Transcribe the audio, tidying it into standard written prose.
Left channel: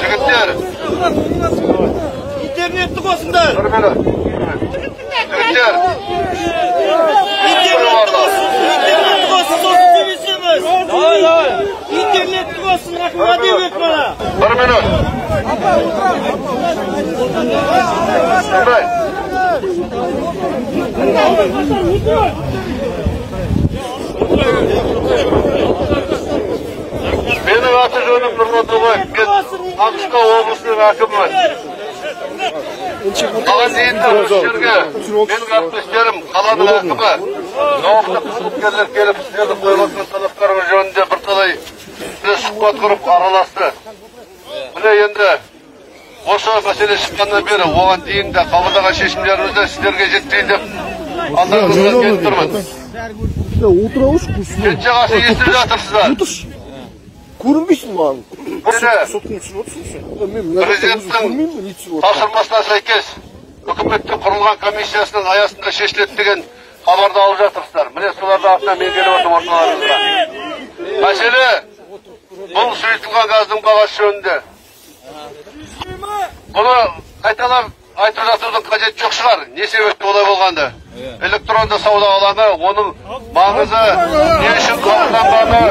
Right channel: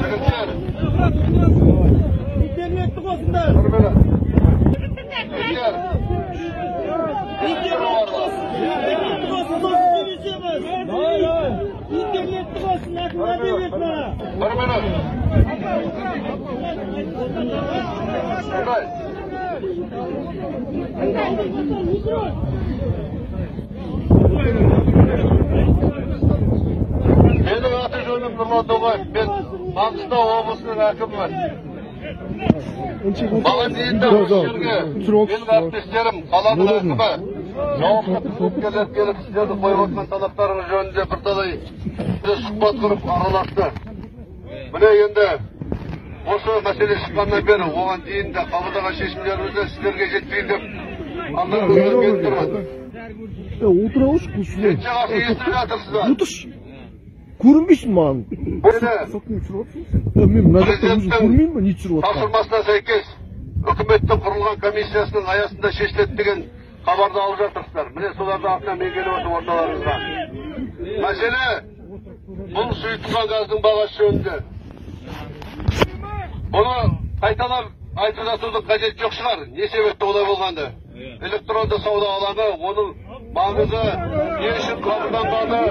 Жігіттер, интернетті қосыңдар. Жігіттер, интернетті қосын, сосын сөйлесеміз. Интернетті қосын, рахмет деп бана. 1 минут. Менің аты жөнім Нұрлан Ноғаев, мен Маңғыстау облысының әкімімін. Маған дейінгі осы жерге менің әріптестерім, қаланың әкімі, жауапты қызметкерлер келіп сіздерді қойған талаптарыңыз жөнінде бірталай сұхбат құрып араласты. Міне енді осы мәселе шыққаннан бері оған дейін де қабылдаған шешімдерімізді сіздерге жеткізейін деп алдарыңызға келіп тұрмын. Қанша қарсы естіп жатырсыздар? Көрінбейсің маған. Президенттің тапсырмасына сәйкес үкіметтің құрылған комиссиясының аясында шешіледі деген хабарды алып жатырсыздар. Міне солардың артынан мен келіп отырмын орталарыңызға. Мәселе бұл сұйытылған газдың бағасы жөнінде. Бұны қайталап айтып жатудың қажеті жоқ шығар. Не себепті олай болғанды? Электронды сауда алаңы, оның маңызы, не үшін қабылданғаны